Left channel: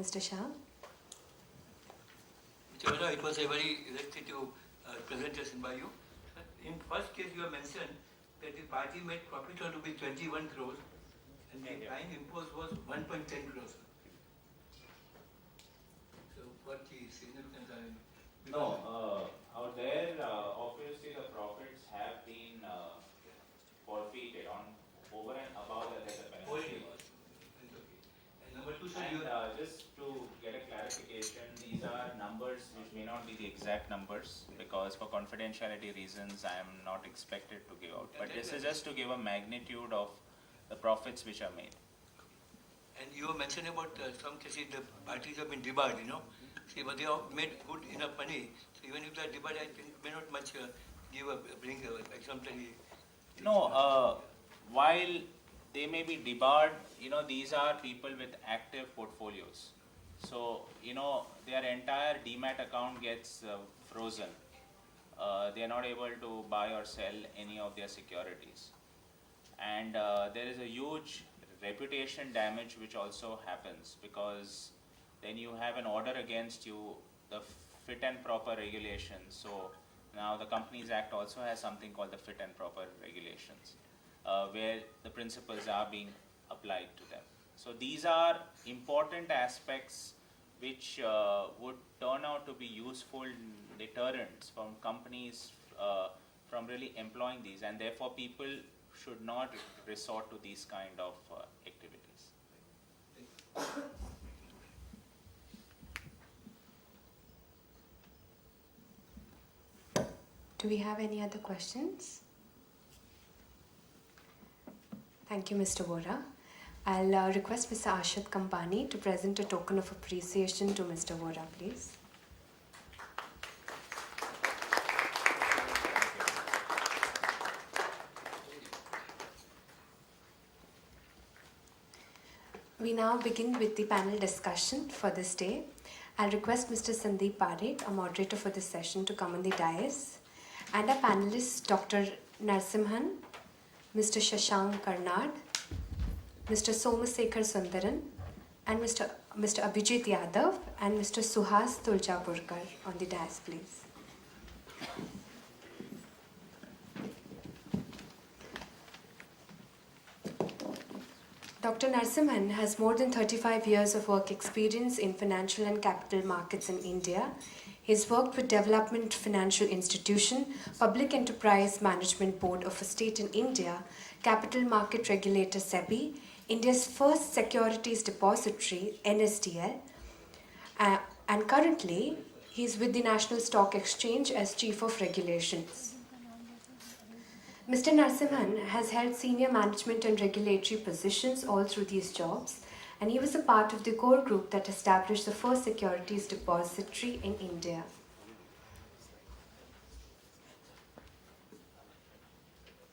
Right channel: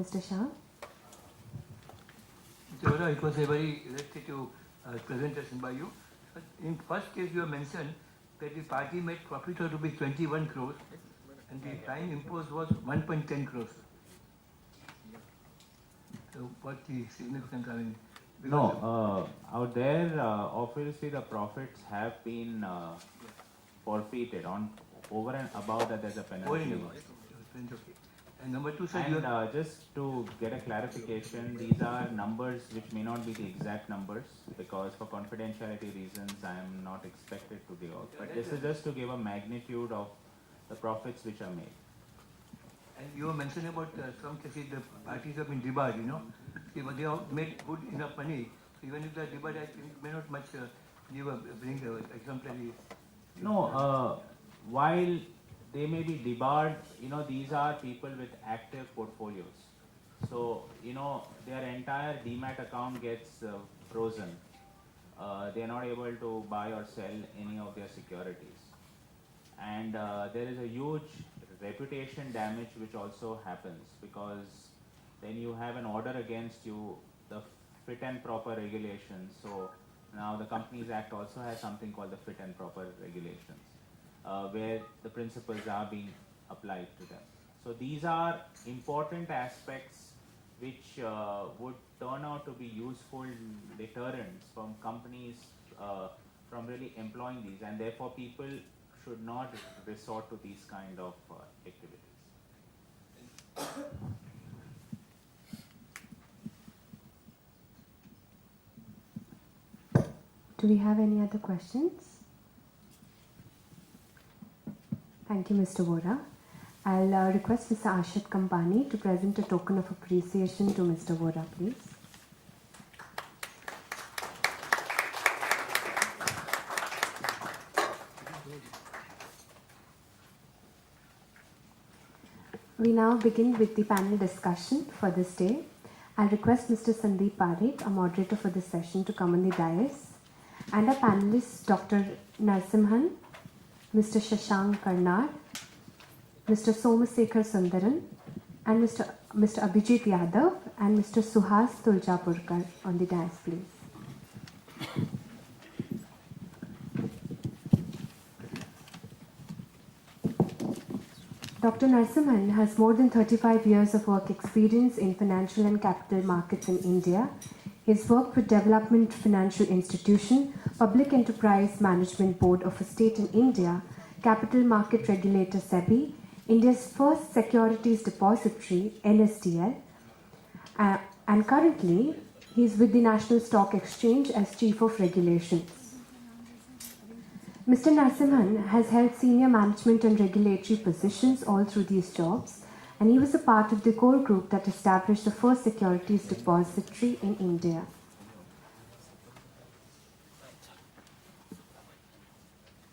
Mr. Shah. Mr. Vora, it was a very illustrative presentation by you. But in first case, you have mentioned that the party made profit of rupees 21 crores and the fine imposed was 1.10 crores. So what the significance? I mean, no, out there, obviously the profits have been forfeited on over and above that. There's a penalty. And number two, sir, and just to get a clarification, these are numbers which may not be the exact numbers because for confidentiality reasons I am not expected to give out. But this is just to give a magnitude of the profits which are made. And you were mentioning about some cases the parties have been debarred, you know. See, but they have made good enough money. So even if they are debarred, I think may not much bring exemplary. No, while they may be debarred, these are people with active portfolios. So, their entire demat account gets frozen. They are not able to buy or sell any of their securities. And there is a huge reputation damage which also happens because then you have an order against you, the fit and proper regulations. So now the Companies Act also has something called the fit and proper regulations, where the principles are being applied to them. So these are important aspects which would turn out to be useful deterrents from companies from really employing these, and therefore people should not resort to these kind of activities. Do we have any other questions? Thank you, Mr. Vora. I'll request Mr. Ashad Kampani to present a token of appreciation to Mr. Vora, please. We now begin with the panel discussion for this day. I'll request Mr. Sandeep Parekh, a moderator for this session, to come on the dais, and our panelists, Dr. Narsimhan, Mr. Shashank Karnad, Mr. Somasekhar Sundaran, and Mr. Abhijit Yadav, and Mr. Suhas Tulchapurkar on the dais, please. Dr. Narsimhan has more than 35 years of work experience in financial and capital markets in India. He has worked with Development Financial Institution, Public Enterprise Management Board of a state in India, Capital Market Regulator SEBI, India's first securities depository, NSDL, and currently he is with the National Stock Exchange as Chief of Regulations. Mr. Narsimhan has held senior management and regulatory positions all through these jobs, and he was a part of the core group that established the first securities depository in India.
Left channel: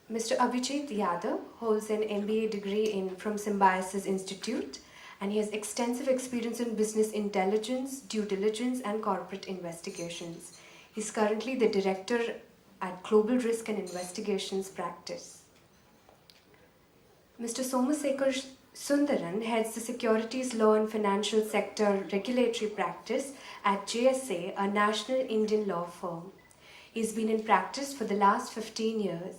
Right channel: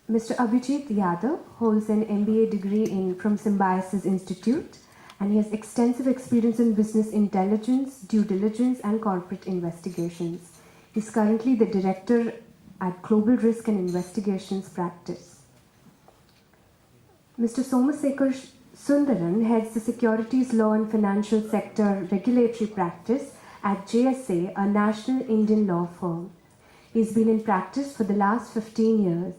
Mr. Abhijit Yadav holds an MBA degree from Symbiosis Institute, and he has extensive experience in business intelligence, due diligence, and corporate investigations. He is currently the director at Global Risk and Investigations Practice. Mr. Somasekhar Sundaran heads the Securities Law and Financial Sector Regulatory Practice at JSA, a national Indian law firm. He has been in practice for the last 15 years.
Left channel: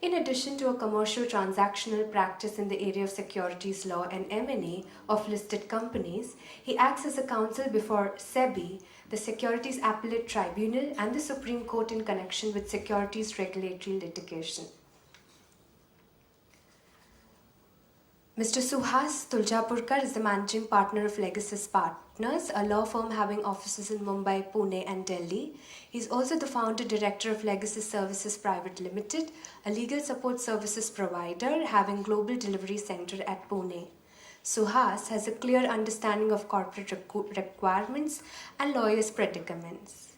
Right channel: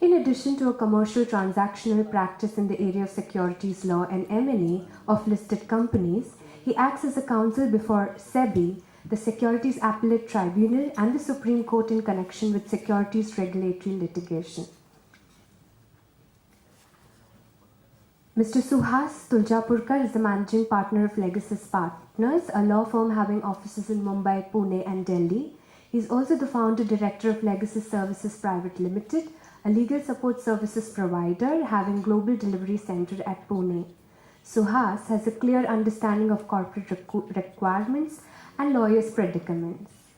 In addition to a commercial transactional practice in the area of securities law and M&A of listed companies, he acts as a counsel before SEBI, the Securities Appellate Tribunal, and the Supreme Court in connection with securities regulatory litigation. Mr. Suhas Tulchapurkar is the managing partner of Legasis Partners, a law firm having offices in Mumbai, Pune, and Delhi. He is also the founder director of Legasis Services Private Limited, a legal support services provider having global delivery center at Pune. Suhas has a clear understanding of corporate requirements and lawyers' predicaments.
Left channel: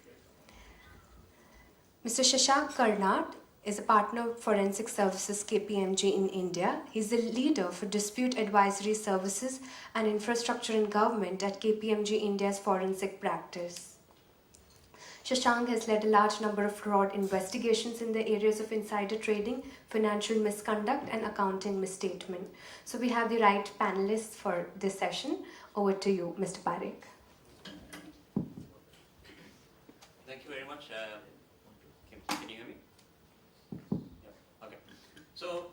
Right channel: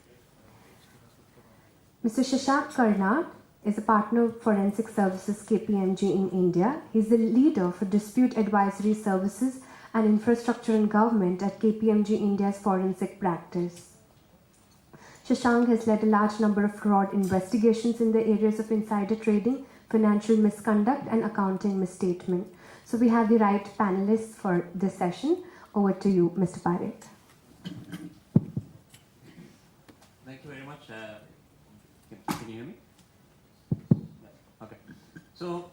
Mr. Shashank Karnad is a partner of Forensic Services KPMG in India. He is the leader for Dispute Advisory Services and Infrastructure and Government at KPMG India's Forensic Practice. Shashank has led a large number of fraud investigations in the areas of insider trading, financial misconduct, and accounting misstatement. So we have the right panelists for this session. Over to you, Mr. Parekh. Thank you very much. Can you hear me? Yeah. Okay. So,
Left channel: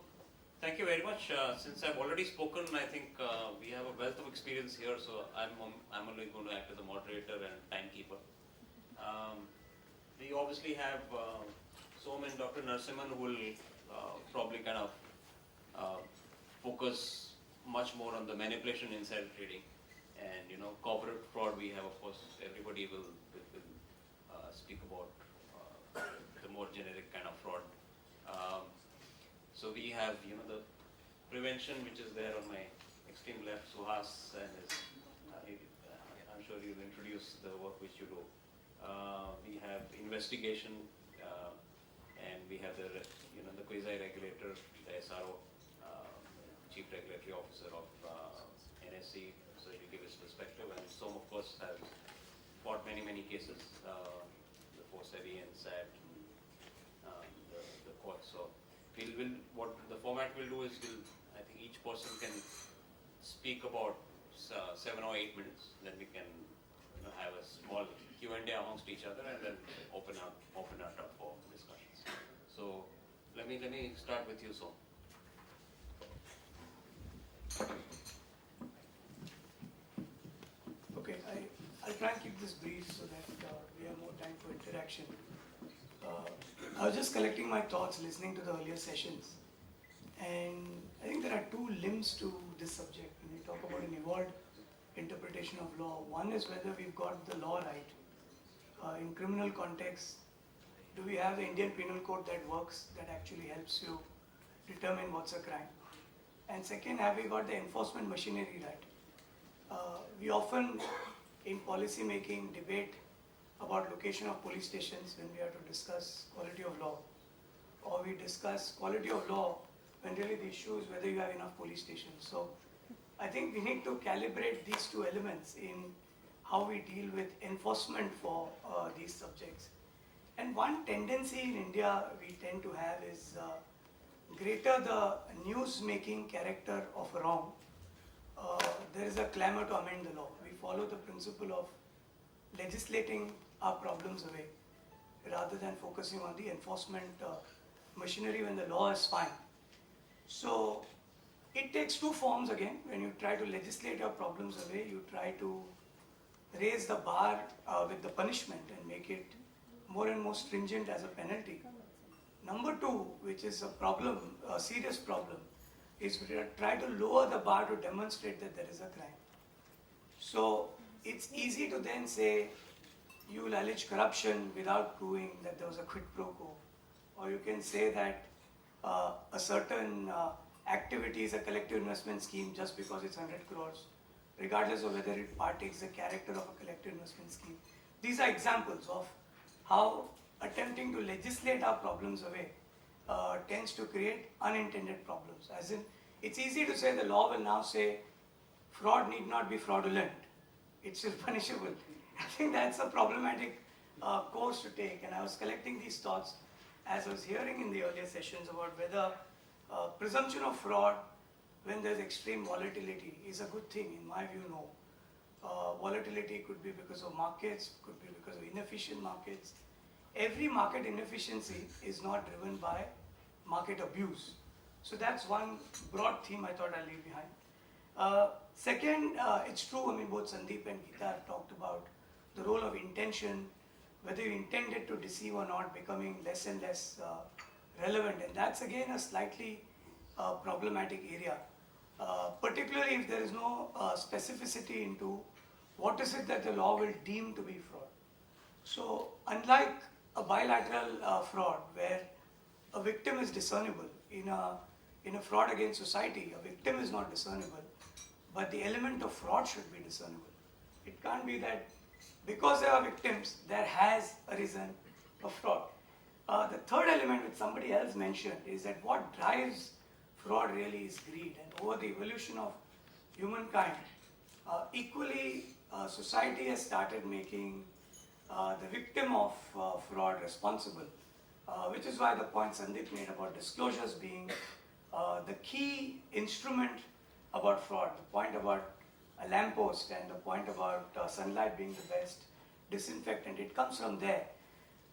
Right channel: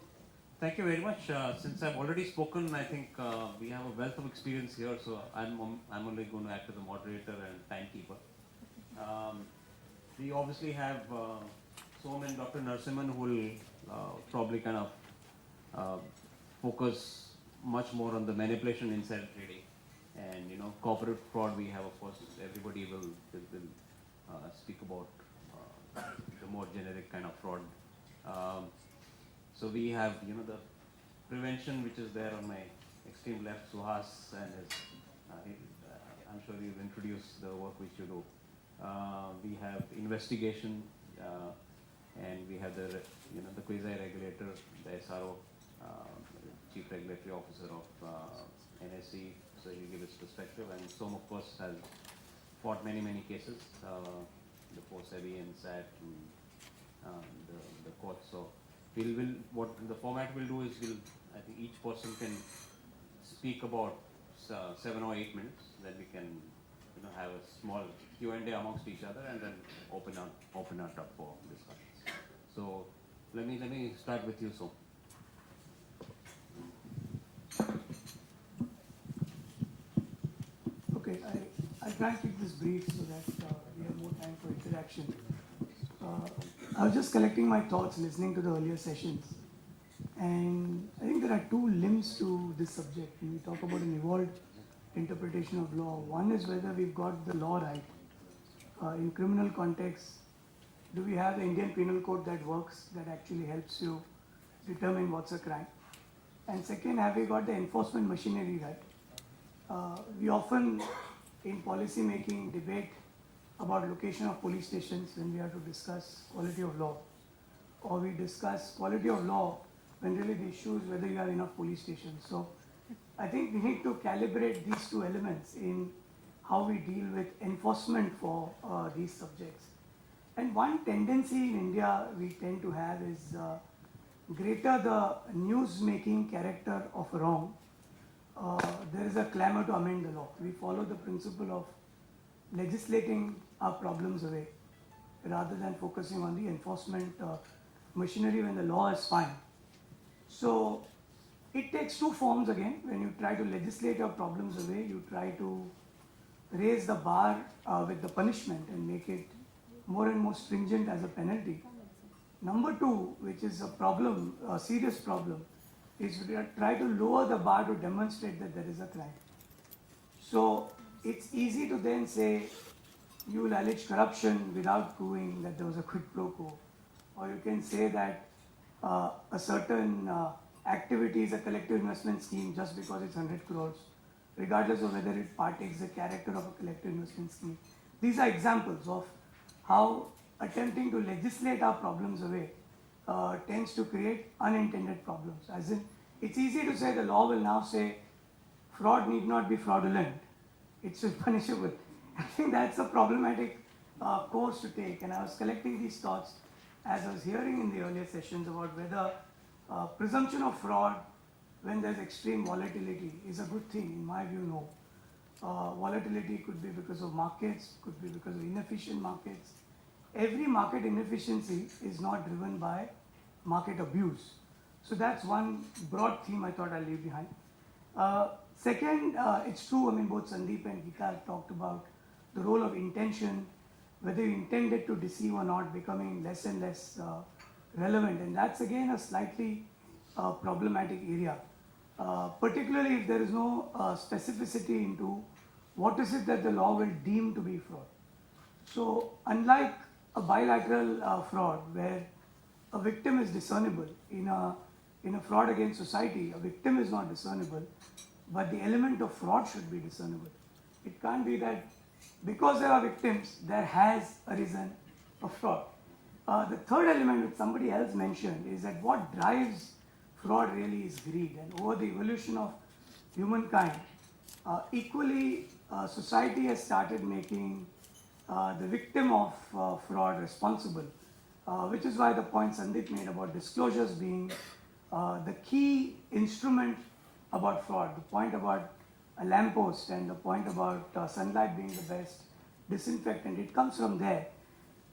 thank you very much. Since I've already spoken, I think we have a wealth of experience here. So I'm only going to act as a moderator and timekeeper. We obviously have Som and Dr. Narasimhan who will probably kind of focus much more on the manipulation insider trading, and corporate fraud. We have, of course, everybody will speak about the more generic kind of fraud. So we have the prevention, which is there on my extreme left, Suhas, and I'm sure you'll introduce the work which you do. We have investigation, and we have the quasi-regulator, the SRO, Chief Regulatory Officer of NSE, so he'll give his perspective, and Som, of course, has fought many cases before SEBI and SAT and the courts. So what the format we'll do is I think each person can speak about 7 or 8 minutes, then we can have a small Q&A amongst each other, and then open it up for discussions. So let me start with you, Som. Okay, I'll try and keep this brief so that we have more time for interaction. I was just collecting my thoughts listening to the earlier sessions, and I think there are two limbs to this subject. When we talk about an evolved interpretation of law, one is whether we've got the law right. In criminal context, do we have the Indian Penal Code that works, that actually helps you determine what's a crime? And second, have we got the enforcement machinery right? We often, in policy making, debate about location of police stations when we have to discuss quality of law, or we discuss quality of law when really the issue is whether you have enough police stations. So I think we need to calibrate these two elements in how we deal with enforcement for these subjects. And one tendency in India we tend to have is greater the news-making character of wrong, there is a clamor to amend the law. We follow the principle of legislating our problems away rather than focusing on the enforcement machinery when the law is fine. So it takes two forms again. When you try to legislate your problems away, you try to raise the bar with the punishment and make it more and more stringent as a penalty. Number two, which is a problem, a serious problem, is we try to lower the bar to demonstrate that there is a crime. So it's easy to then say you will allege corruption without proving that there was a quid pro quo, or you can say that a certain activity is a collective investment scheme just because it's 100 crores, regardless of whether it partakes the character of a collective investment scheme. These are examples of how attempting to legislate our problems away tends to create unintended problems. As in, it's easy to say the law will now say fraud need not be fraudulent, it's still punishable. I think that's a problematic course to take, and I was collecting these thoughts as I was hearing in the earlier sessions about whether presumption of fraud when there's extreme volatility is a good thing. In my view, no. Volatility could be because of markets, could be because of inefficient markets. Every market inefficiency is not driven by market abuse. So that's one broad theme I thought I'll leave behind. Second, it's true, I mean, both Sandeep and Geeta have talked about the role of intention, whether you intended to deceive or not, becoming less and less relevant. And that's again a slightly problematic area, particularly if there is no specificity into what is it that the law will deem to be fraud. So unlike a bilateral fraud where a victim is discernible, in a fraud against society, a victim is not discernible, but the element of fraud should be discernible. It can't be that because there are victims, there has arisen a fraud. The third element which somebody else mentioned is that what drives fraud really is greed. And over the evolution of humankind, equally society has started making the victim of fraud responsible, which is why the point Sandeep made about disclosures being the key instrument about fraud, the point about a lamppost and the point about sunlight being the best disinfectant, it comes from there.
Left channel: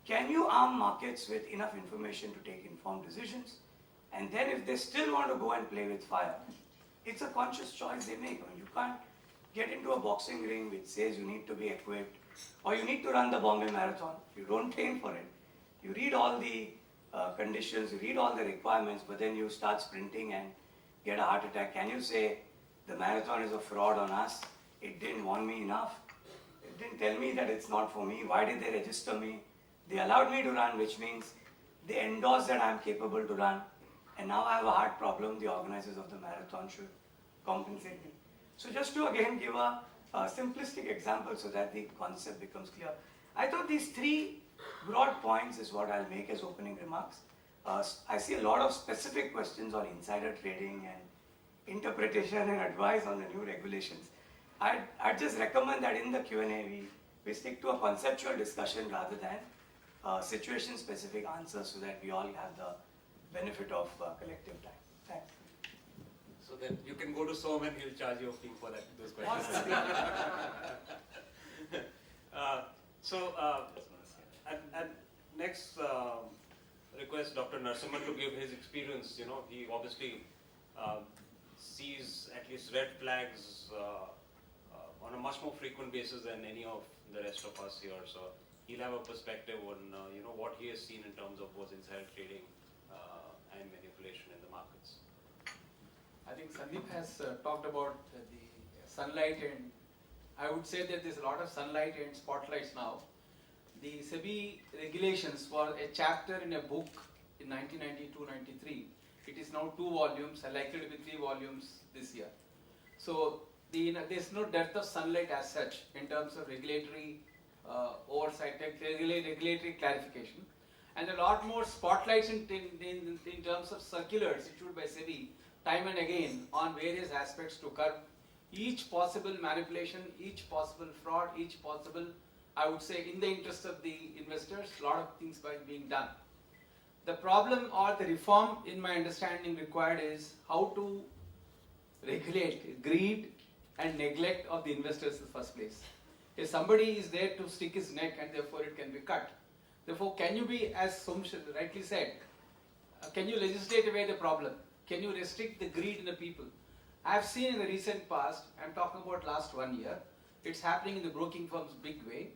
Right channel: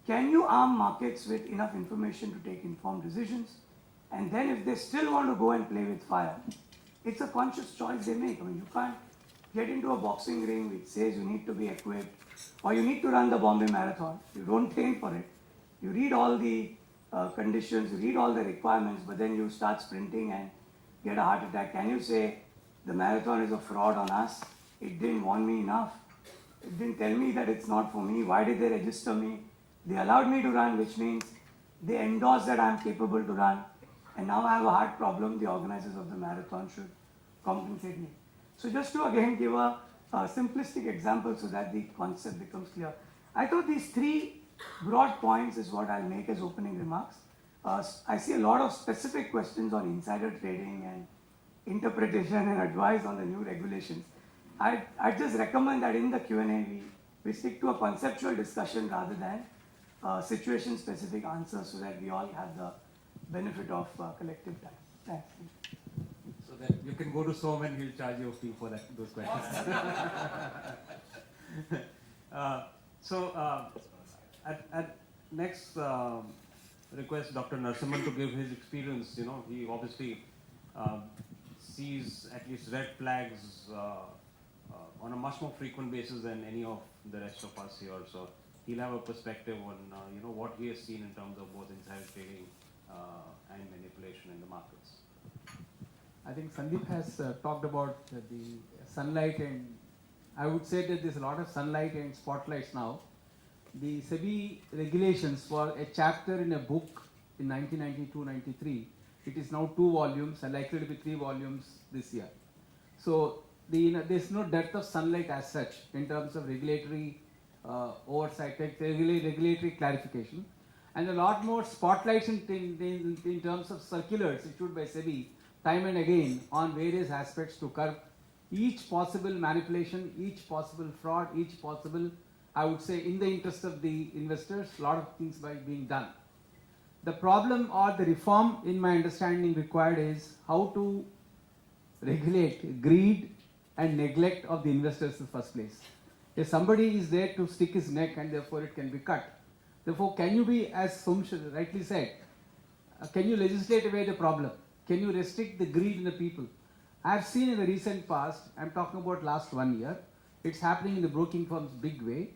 Can you arm markets with enough information to take informed decisions? And then if they still want to go and play with fire, it's a conscious choice they make. I mean, you can't get into a boxing ring which says you need to be equipped or you need to run the Bombay Marathon. You don't train for it. You read all the conditions, you read all the requirements, but then you start sprinting and get a heart attack. Can you say the marathon is a fraud on us? It didn't warn me enough. It didn't tell me that it's not for me. Why did they register me? They allowed me to run, which means they endorsed that I am capable to run. And now I have a heart problem. The organizers of the marathon should compensate me. So just to again give a simplistic example so that the concept becomes clear. I thought these three broad points is what I'll make as opening remarks. I see a lot of specific questions on insider trading and interpretation and advice on the new regulations. I'd just recommend that in the Q&A we stick to a conceptual discussion rather than situation-specific answers so that we all have the benefit of collective time. Thanks. So then you can go to Som and he'll charge you a fee for those questions. At next request Dr. Narasimhan to give his experience. You know, he obviously sees at least red flags on a much more frequent basis than any of the rest of us here. So he'll have a perspective on what he has seen in terms of both insider trading and manipulation in the markets. I think Sandeep has talked about the sunlight, and I would say that there's a lot of sunlight and spotlights now. The SEBI regulations were a chapter in a book in 1992-93. It is now 2 volumes and likely to be 3 volumes this year. So there's no depth of sunlight as such in terms of regulatory oversight, regulatory clarification, and a lot more spotlights in terms of circulars issued by SEBI time and again on various aspects to curb each possible manipulation, each possible fraud, each possible, I would say, in the interest of the investors, a lot of things by being done. The problem or the reform, in my understanding, required is how to regulate greed and neglect of the investors in the first place. If somebody is there to stick his neck and therefore it can be cut, therefore can you be, as Sumsh rightly said, can you legislate away the problem? Can you restrict the greed in the people? I have seen in the recent past, I am talking about last 1 year, it's happening in the broking firms big way.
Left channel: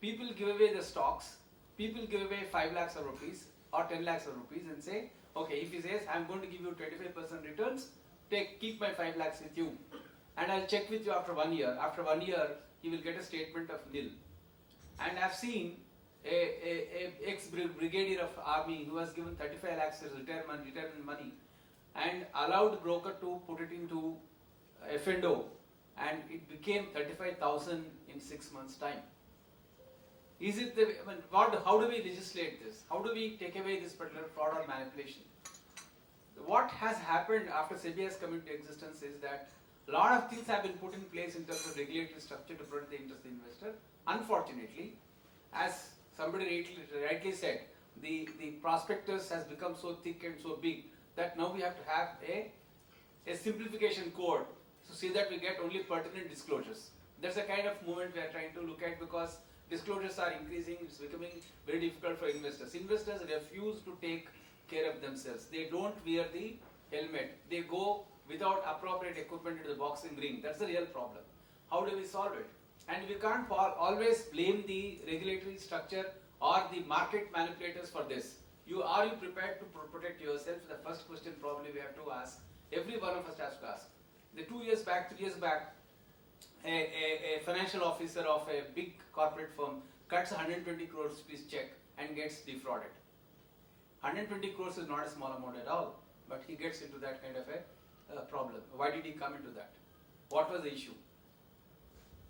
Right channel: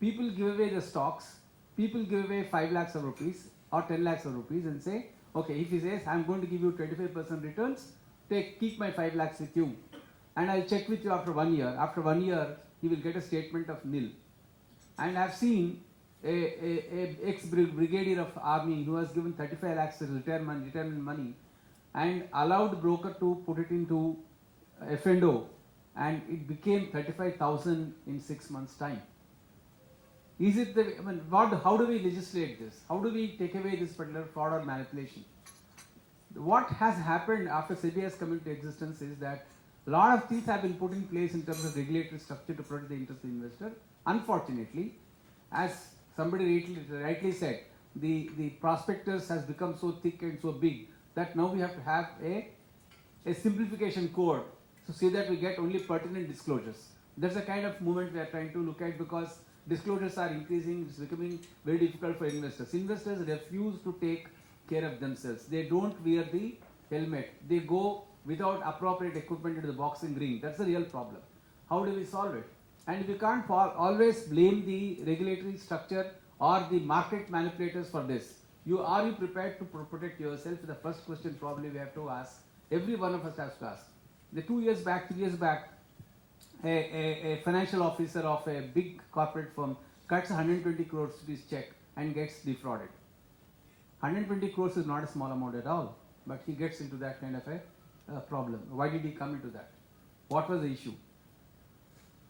People give away the stocks, people give away 5 lakhs of rupees or 10 lakhs of rupees and say, okay, if he says, I'm going to give you 25% returns, keep my 5 lakhs with you and I'll check with you after 1 year. After 1 year, he will get a statement of nil. And I've seen a ex-brigadier of army who has given 35 lakhs as retirement money and allowed the broker to put it into F&O, and it became 35,000 in 6 months' time. Is it how do we legislate this? How do we take away this particular fraud or manipulation? What has happened after SEBI has come into existence is that a lot of things have been put in place in terms of regulatory structure to protect the interest of the investor. Unfortunately, as somebody rightly said, the prospectus has become so thick and so big that now we have to have a simplification code to see that we get only pertinent disclosures. That's the kind of movement we are trying to look at, because disclosures are increasing, it's becoming very difficult for investors. Investors refuse to take care of themselves. They don't wear the helmet. They go without appropriate equipment into the boxing ring. That's the real problem. How do we solve it? And we can't always blame the regulatory structure or the market manipulators for this. Are you prepared to protect yourself? The first question probably we have to ask. Every one of us has to ask. 2 years back, 3 years back, a financial officer of a big corporate firm cuts 120 crores rupees check and gets defrauded. 120 crores is not a small amount at all, but he gets into that kind of a problem. Why did he come into that? What was the issue?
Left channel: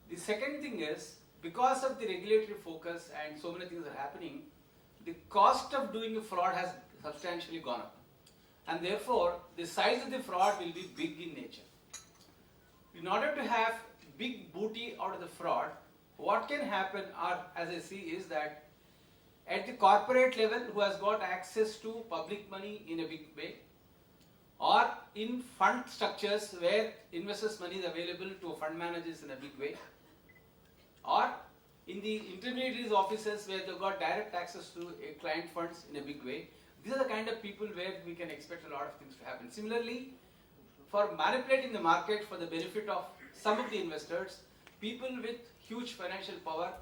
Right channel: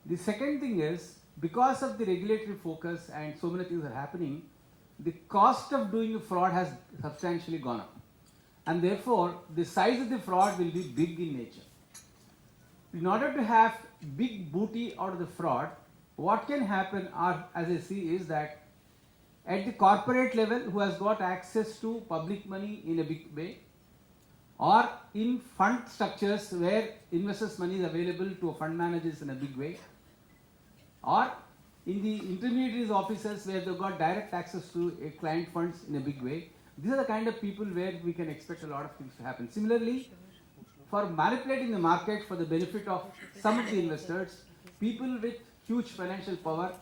The second thing is, because of the regulatory focus and so many things are happening, the cost of doing a fraud has substantially gone up. And therefore, the size of the fraud will be big in nature. In order to have big booty out of the fraud, what can happen, as I see, is that at the corporate level, who has got access to public money in a big way, or in fund structures where investors' money is available to fund managers in a big way, or in the intermediaries offices where they've got direct access to client funds in a big way. These are the kind of people where we can expect a lot of things to happen. Similarly, for manipulating the market for the benefit of some of the investors, people with huge financial power,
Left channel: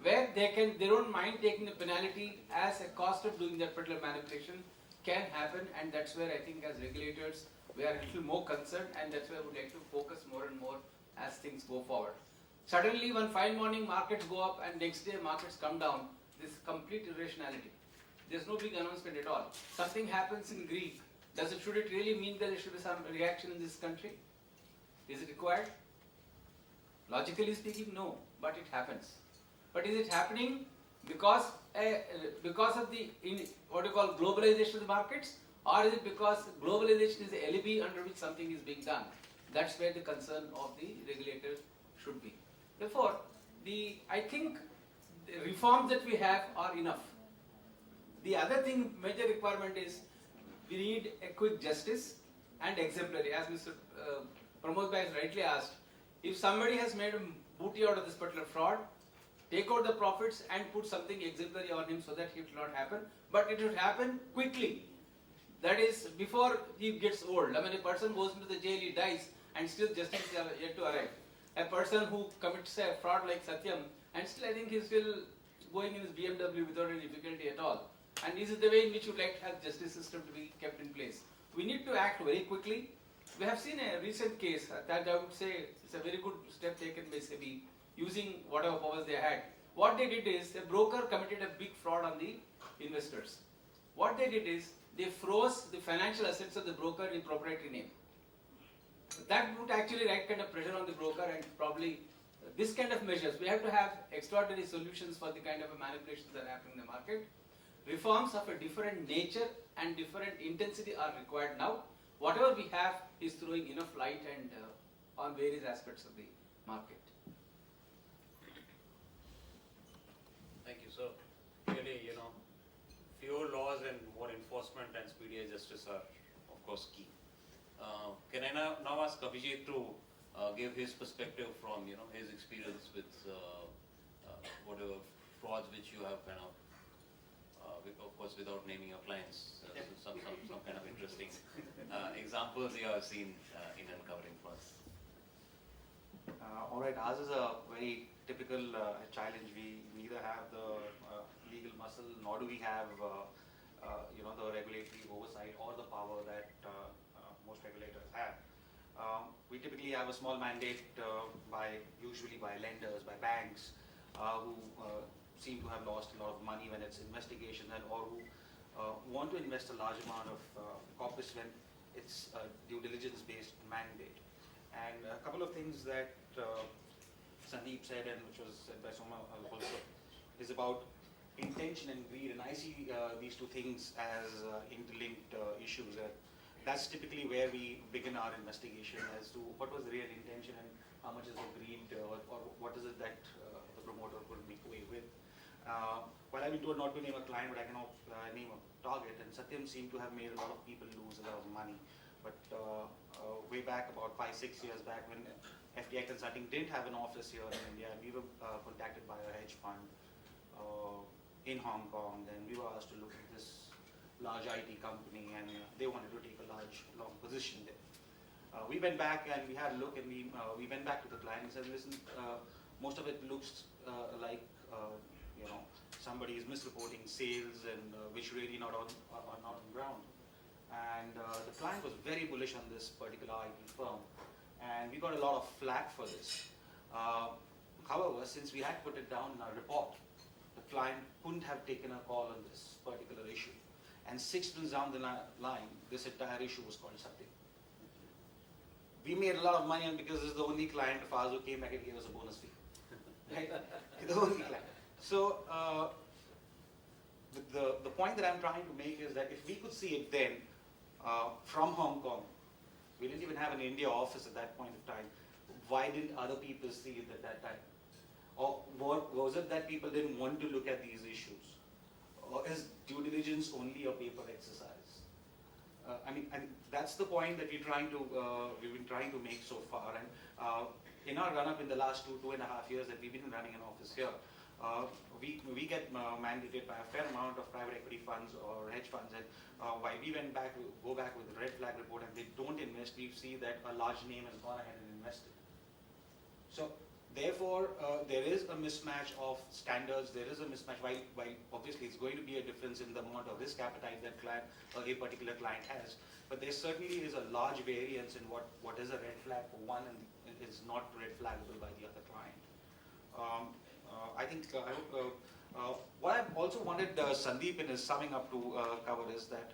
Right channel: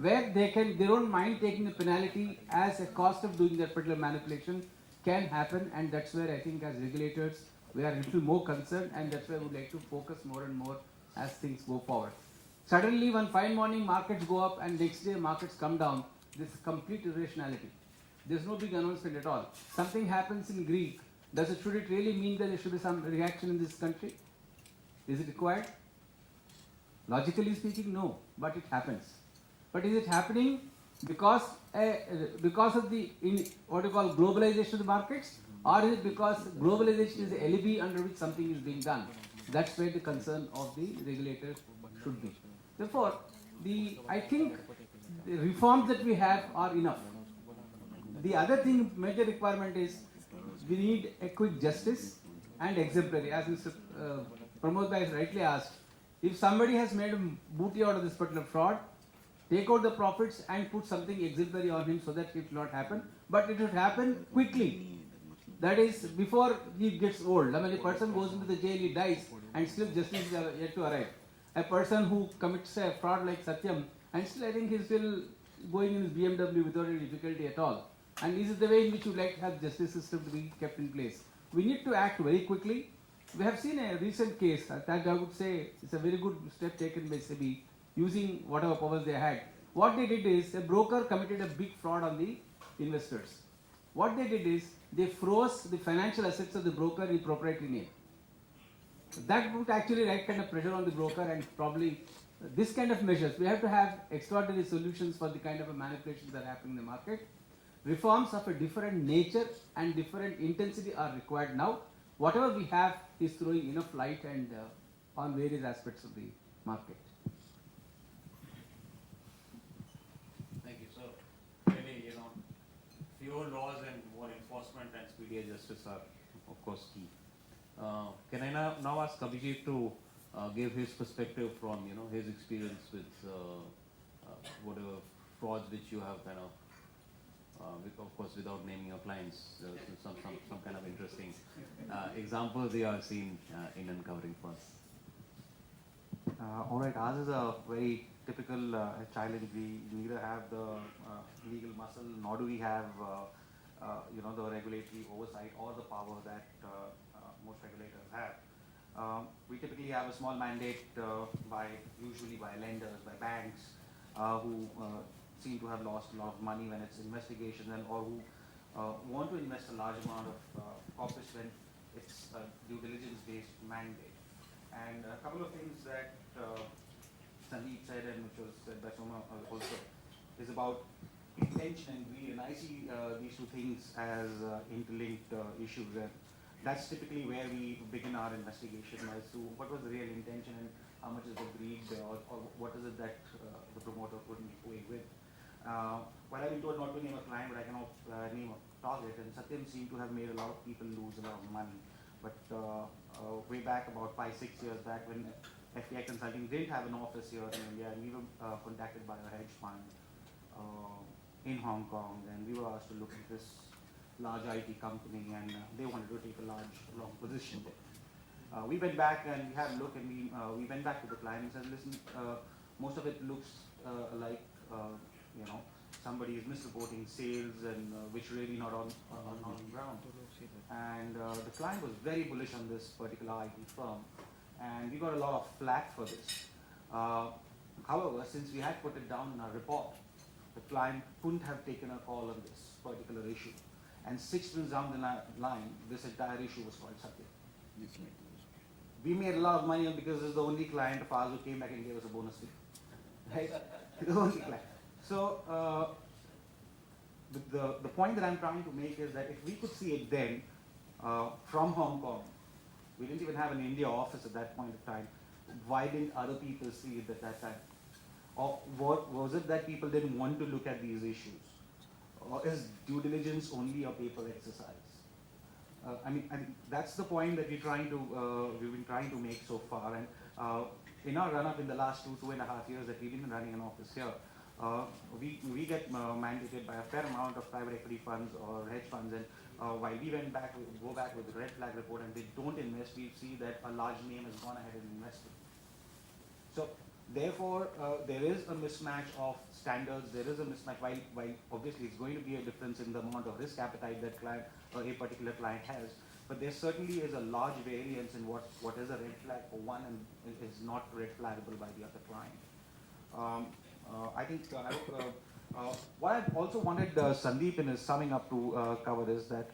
where they don't mind taking the penalty as a cost of doing that particular manipulation, can happen, and that's where I think as regulators we are a little more concerned, and that's where we would like to focus more and more as things go forward. Suddenly one fine morning markets go up and next day markets come down, this is complete irrationality. There's no big announcement at all. Something happens in Greek, should it really mean that there should be some reaction in this country? Is it required? Logically speaking, no, but it happens. But is it happening because of the what you call globalization of the markets, or is it because globalization is the alibi under which something is being done? That's where the concern of the regulators should be. Therefore, I think the reforms that we have are enough. The other thing, major requirement is we need a quick justice and exemplary. As Mr. Pramod Bhai has rightly asked, if somebody has made a booty out of this particular fraud, take out the profits and put something exemplary on him so that it will not happen. But it should happen quickly. That is, before he gets old. I mean, a person goes into the jail, he dies, and still justice is yet to arrive. A person who commits a fraud like Satyam, and still I think he's still going in his BMW without any difficulty at all. And this is the way in which we would like to have justice system to be kept in place. We need to act very quickly. We have seen a recent case, that I would say it's a very good step taken by SEBI, using whatever powers they had. What they did is, a broker committed a big fraud on the investors. What they did is, they froze the financial assets of the broker in proprietary name. That put actually right kind of pressure on the broker, and probably this kind of measures, we have to have extraordinary solutions for the kind of manipulations that happen in the market. Reforms of a different nature and different intensity are required now. Whatever we have is throwing enough light and on various aspects of the market. Thank you. So, really, fewer laws and more enforcement and speedier justice are, of course, key. Can I now ask Abhijit to give his perspective from his experience with whatever frauds which you have kind of, of course, without naming your clients, some kind of interesting examples you have seen in uncovering for us. All right, ours is a very typical challenge. We neither have the legal muscle, nor do we have the regulatory oversight or the power that most regulators have. We typically have a small mandate usually by lenders, by banks, who seem to have lost a lot of money when it's investigations, or who want to invest a large amount of corpus when it's a due diligence-based mandate. And a couple of things that Sandeep said, and which was said by Soma also, is about intention and greed. And I see these two things as interlinked issues. That's typically where we begin our investigation as to what was the real intention and how much is the greed, or what is it that the promoter couldn't be going with. Well, I've been told not to name a client, but I cannot name a target. And Satyam seemed to have made a lot of people lose a lot of money. But way back, about 5-6 years back, when FTI Consulting didn't have an office here in India, and we were contacted by a hedge fund in Hong Kong, then we were asked to look at this large IT company, and they wanted to take a long position there. We went back and we had a look, and we went back to the client and said, listen, most of it looks like somebody is misreporting sales, and which really not on ground. And the client was very bullish on this particular IT firm, and we got a lot of flack for this. However, since we had put it down in our report, the client couldn't have taken a call on this particular issue. And 6 months down the line, this entire issue was called Satya. We made a lot of money on, because this is the only client of ours who came back and gave us a bonus fee. Right? The only client. So the point that I'm trying to make is that if we could see it then from Hong Kong, we didn't even have an India office at that point of time. Why didn't other people see it at that time? Or was it that people didn't want to look at these issues? Or is due diligence only a paper exercise? and that's the point that we've been trying to make so far. And in our run-up in the last 2.5 years that we've been running an office here, we get mandated by a fair amount of private equity funds or hedge funds, and while we go back with the red flag report and they don't invest, we see that a large name has gone ahead and invested. So therefore, there is a mismatch of standards. There is a mismatch. While obviously it's going to be a difference in the amount of risk appetite that a particular client has, but there certainly is a large variance in what is a red flag for one and is not red flaggable by the other client. I think what I've also wanted Sandeep in his summing up to cover is that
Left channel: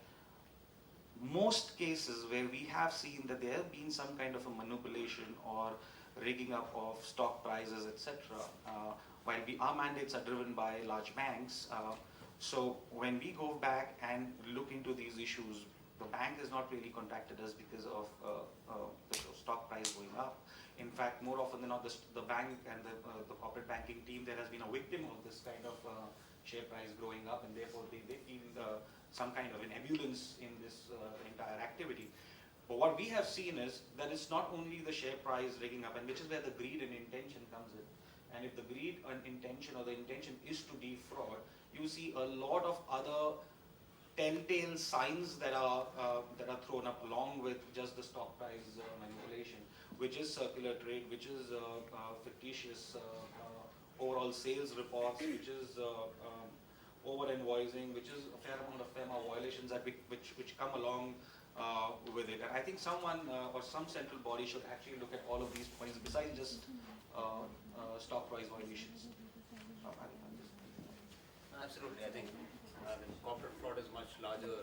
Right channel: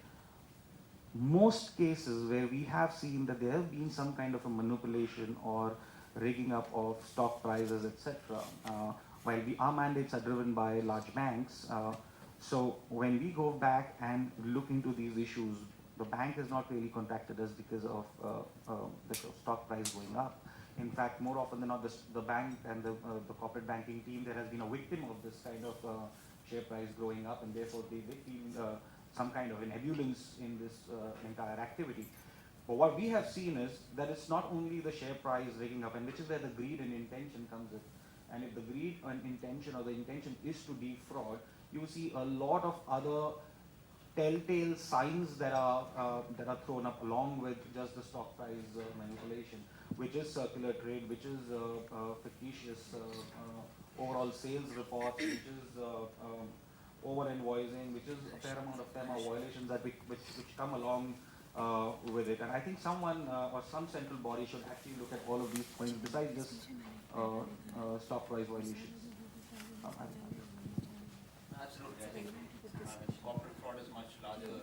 most cases where we have seen that there have been some kind of a manipulation or rigging up of stock prices, etc. While our mandates are driven by large banks, so when we go back and look into these issues, the bank has not really contacted us because of the stock price going up. In fact, more often than not, the bank and the corporate banking team, there has been a victim of this kind of share price growing up, and therefore they feel some kind of an ebullience in this entire activity. But what we have seen is that it's not only the share price rigging up, and which is where the greed and intention comes in. And if the greed and intention, or the intention is to defraud, you see a lot of other telltale signs that are thrown up along with just the stock price manipulation, which is circular trade, which is fictitious overall sales reports, which is over invoicing, which is a fair amount of violations that which come along with it. And I think someone or some central body should actually look at all of these points besides just stock price violations. Absolutely, I think corporate fraud is much larger,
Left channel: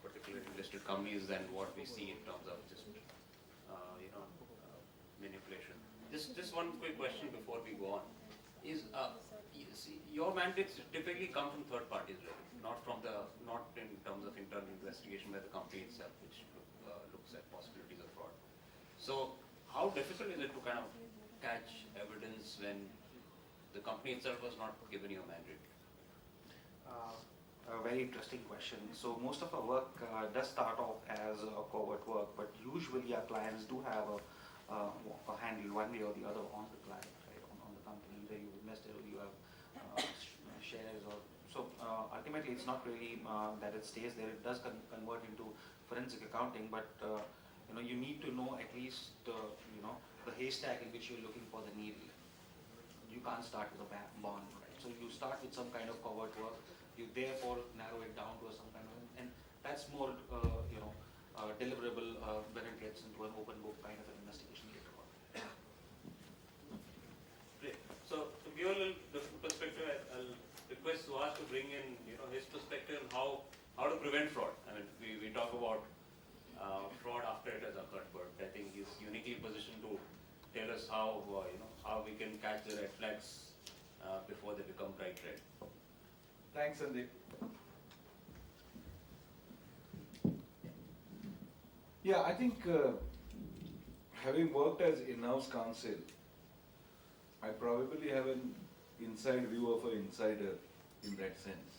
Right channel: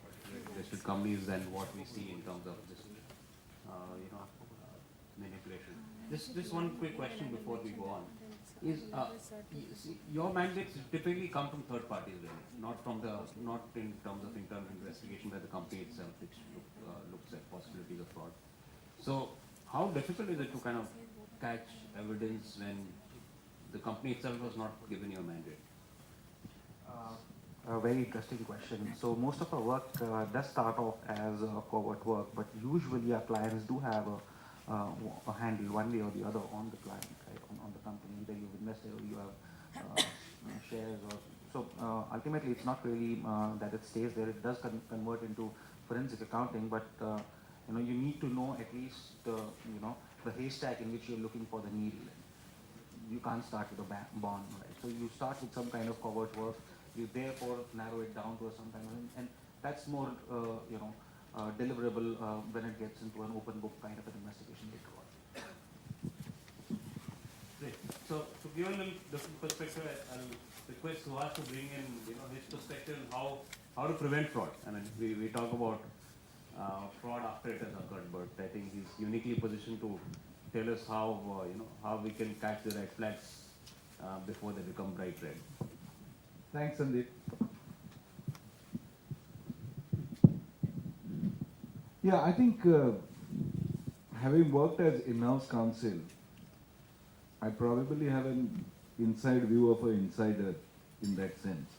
particularly listed companies, than what we see in terms of just manipulation. Just one quick question before we go on is your mandates typically come from third parties, really, not in terms of internal investigation by the company itself, which looks at possibilities of fraud. So how difficult is it to kind of catch evidence when the company itself was not given you a mandate? A very interesting question. So most of our work does start off as covert work, but usually our clients do have a handle one way or the other on the client, right, on the company. Either you invested or you have shares, or so. Ultimately, it's not really that it stays there. It does convert into forensic accounting, but you need to know at least the haystack in which you're looking for the needle. You can't start with a bond, right? So you start with some kind of covert work. You therefore narrow it down to some kind of, and that's more deliverable when it gets into an open book kind of an investigation later on. Great. So to give a little different perspective, I'll request Suhas to bring in his perspective on how to prevent fraud. I mean, we talk about fraud after it has occurred, but I think he's uniquely positioned to tell us how how we can catch the red flags before they become bright red. Thanks, Sandeep. Yeah, I think having worked as in-house counsel, I probably have an inside view of an insider in that sense.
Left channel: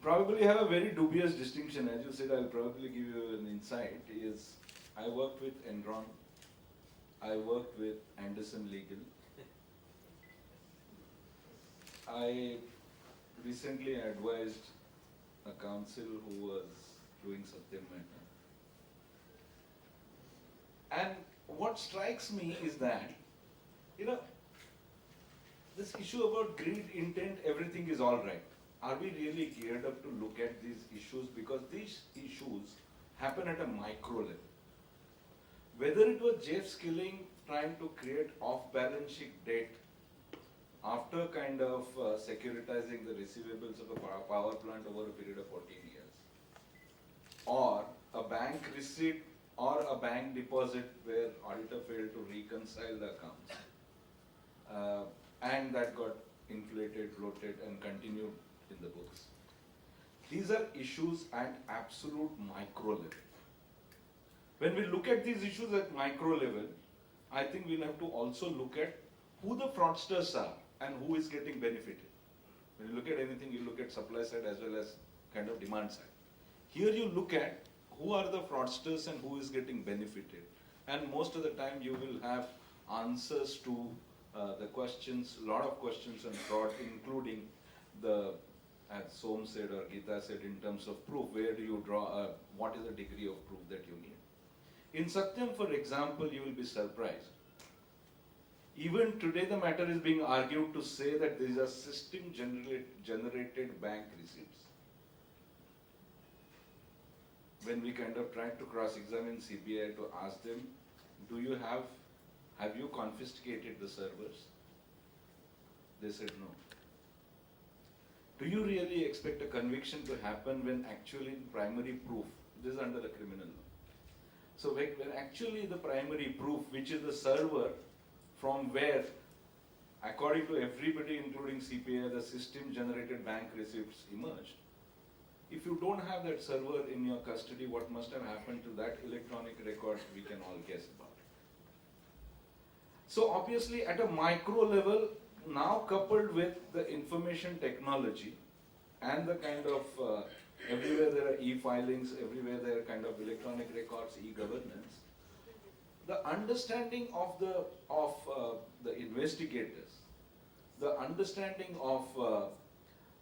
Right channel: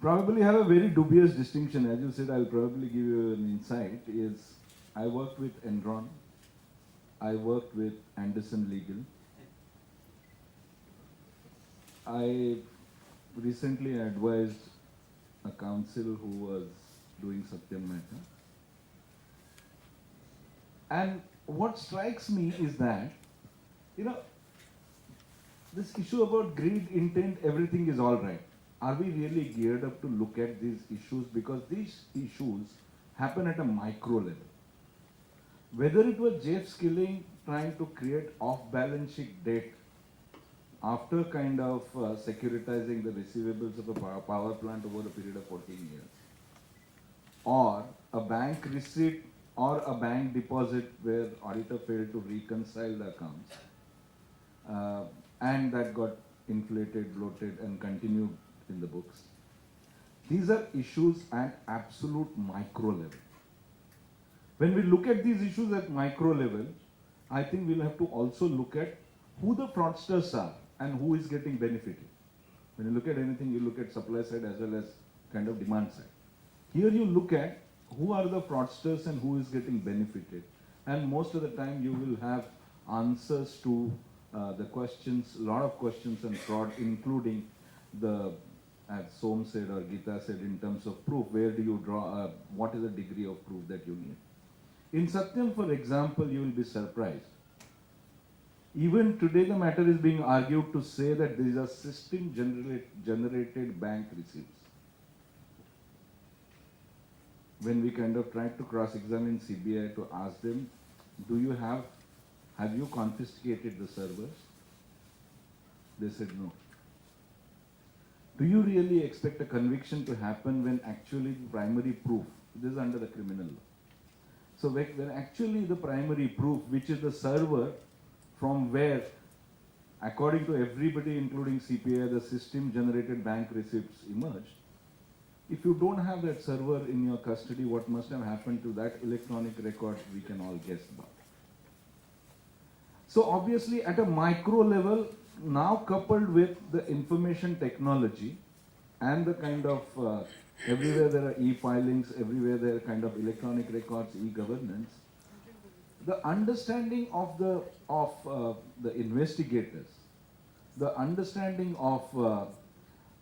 Probably have a very dubious distinction. As you said, I'll probably give you an insight, is I worked with Enron, I worked with Anderson Legal, I recently advised a counsel who was doing Satyam Mehta. And what strikes me is that, this issue about greed, intent, everything is all right. Are we really geared up to look at these issues? Because these issues happen at a micro level. Whether it was Jeff Skilling trying to create off-balance sheet debt after kind of securitizing the receivables of a power plant over a period of 14 years, or a bank receipt or a bank deposit where auditor failed to reconcile the accounts, and that got inflated, bloated, and continued in the books. These are issues at absolute micro level. When we look at these issues at micro level, I think we'll have to also look at who the fraudsters are and who is getting benefited. When you look at anything, you look at supply side as well as kind of demand side. Here you look at who are the fraudsters and who is getting benefited. And most of the time you will have answers to the questions, a lot of questions on fraud, including the, as Som said or Gita said, in terms of proof, where do you draw, what is the degree of proof that you need. In Satyam, for example, you will be surprised. Even today the matter is being argued to say that these are system generated bank receipts. When we kind of tried to cross-examine CBI to ask them, have you confiscated the servers? They said no. Do you really expect a conviction to happen when actually the primary proof, this is under the criminal law. So when actually the primary proof, which is the server from where, according to everybody including CPI, the system generated bank receipts emerged, if you don't have that server in your custody, what must have happened to that electronic record, we can all guess about. So obviously at a micro level, now coupled with the information technology and the kind of, everywhere there are e-filings, everywhere there are kind of electronic records, e-governance, the understanding of the investigators, the understanding of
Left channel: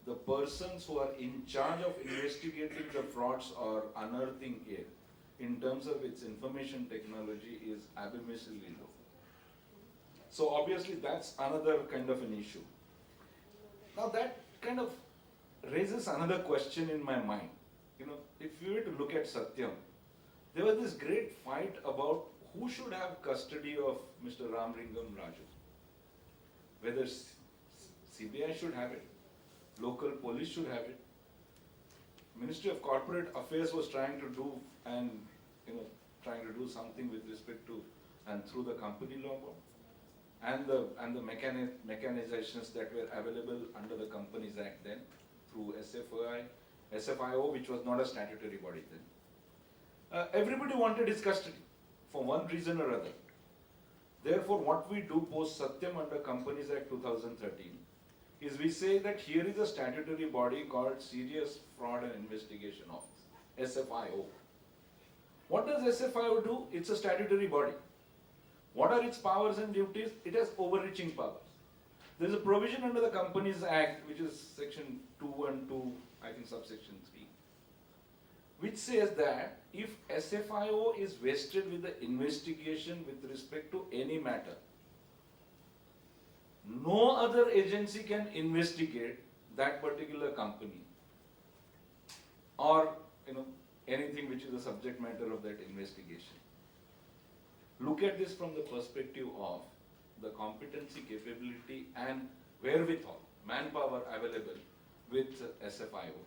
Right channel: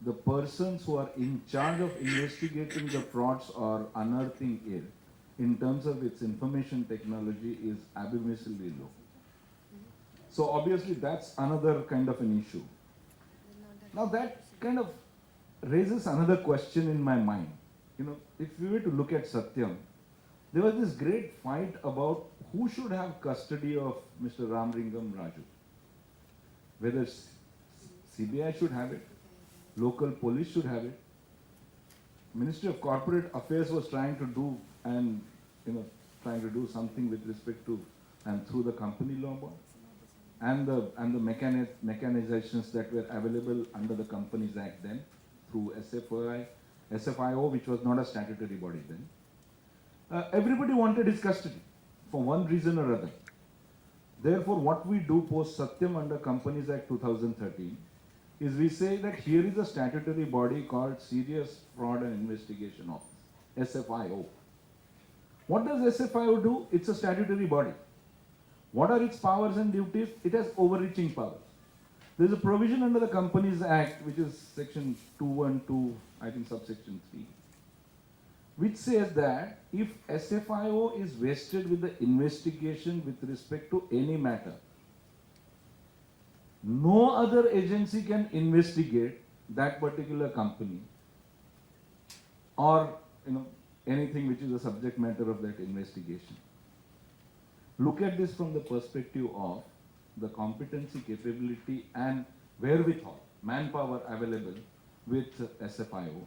the persons who are in charge of investigating the frauds or unearthing it, in terms of its information technology, is abysmally low. So obviously that's another kind of an issue. Now that kind of raises another question in my mind. You know, if we were to look at Satyam, there was this great fight about who should have custody of Mr. Ramlingam Raju. Whether CBI should have it, local police should have it. Ministry of Corporate Affairs was trying to do something with respect to and through the company law board and the mechanizations that were available under the Companies Act then through SFIO, which was not a statutory body then. Everybody wanted his custody for one reason or other. Therefore, what we do post Satyam under Companies Act 2013 is we say that here is a statutory body called Serious Fraud and Investigation Office, SFIO. What does SFIO do? It's a statutory body. What are its powers and duties? It has overreaching powers. There is a provision under the Companies Act, which is section 212, I think subsection 3, which says that if SFIO is vested with the investigation with respect to any matter, no other agency can investigate that particular company or anything which is the subject matter of that investigation. Look at this from the perspective of the competency, capability and wherewithal, manpower available with SFIO.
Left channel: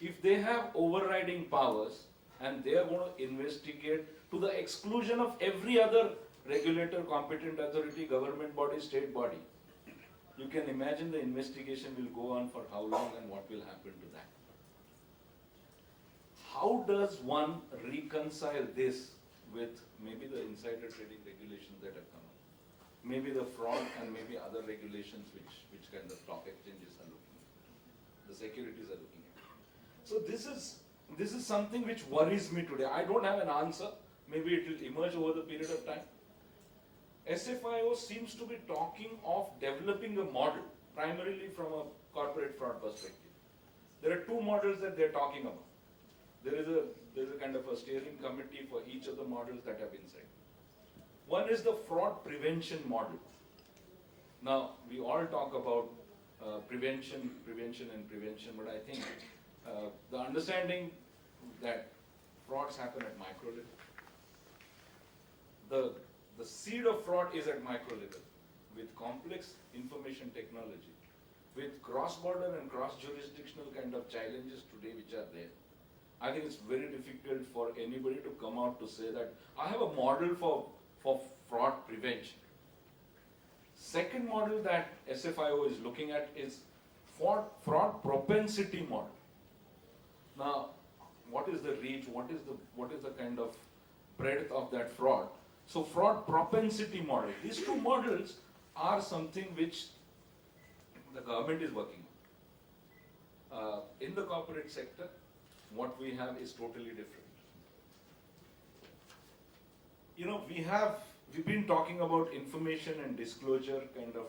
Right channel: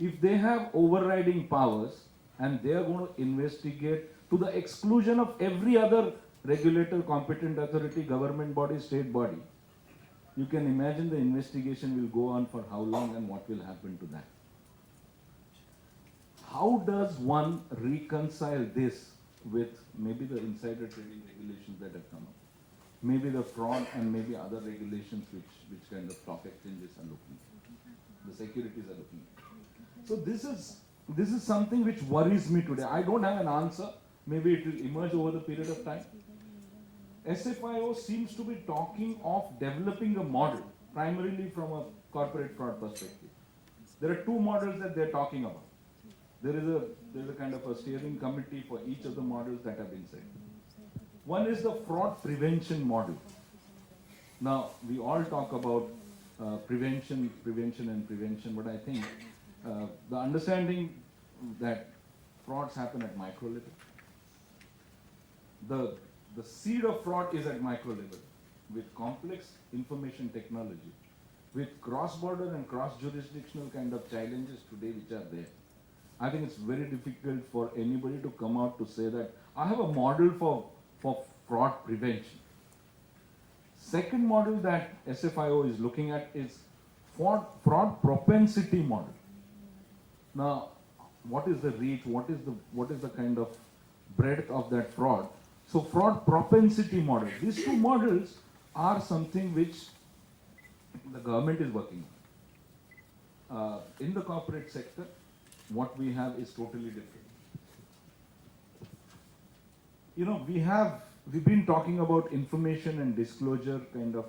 If they have overriding powers and they are going to investigate to the exclusion of every other regulator, competent authority, government body, state body, you can imagine the investigation will go on for how long and what will happen to that. How does one reconcile this with maybe the insider trading regulations that have come up, maybe the fraud and maybe other regulations which kind of stock exchanges are looking at, the securities are looking at. So this is something which worries me today. I don't have an answer. Maybe it will emerge over the period of time. SFIO seems to be talking of developing a model, primarily from a corporate fraud perspective. There are two models that they're talking about. There's a kind of a steering committee for each of the models that have been set. One is the fraud prevention model. Now, we all talk about prevention, but I think the understanding that frauds happen at micro level. The seed of fraud is at micro level with complex information technology, with cross-border and cross-jurisdictional kind of challenges today which are there. I think it's very difficult for anybody to come out to say that I have a model for fraud prevention. Second model that SFIO is looking at is fraud propensity model. Now, what is the reach? What is the kind of breadth of that fraud? So, fraud propensity model. These two models are something which the government is working on. In the corporate sector, what we have is totally different. You know, we've been talking about information and disclosure kind of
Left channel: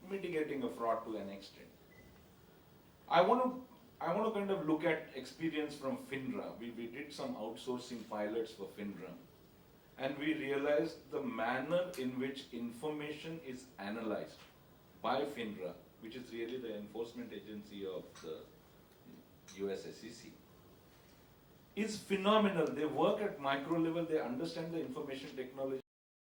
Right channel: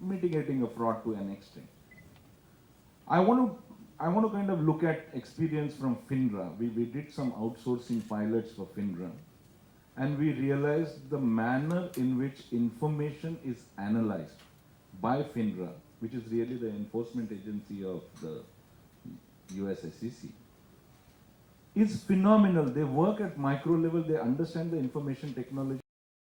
mitigating a fraud to an extent. I want to kind of look at experience from FINRA. We did some outsourcing pilots for FINRA, and we realized the manner in which information is analyzed by FINRA, which is really the enforcement agency of the US SEC, is phenomenal. They work at micro level, they understand the information technology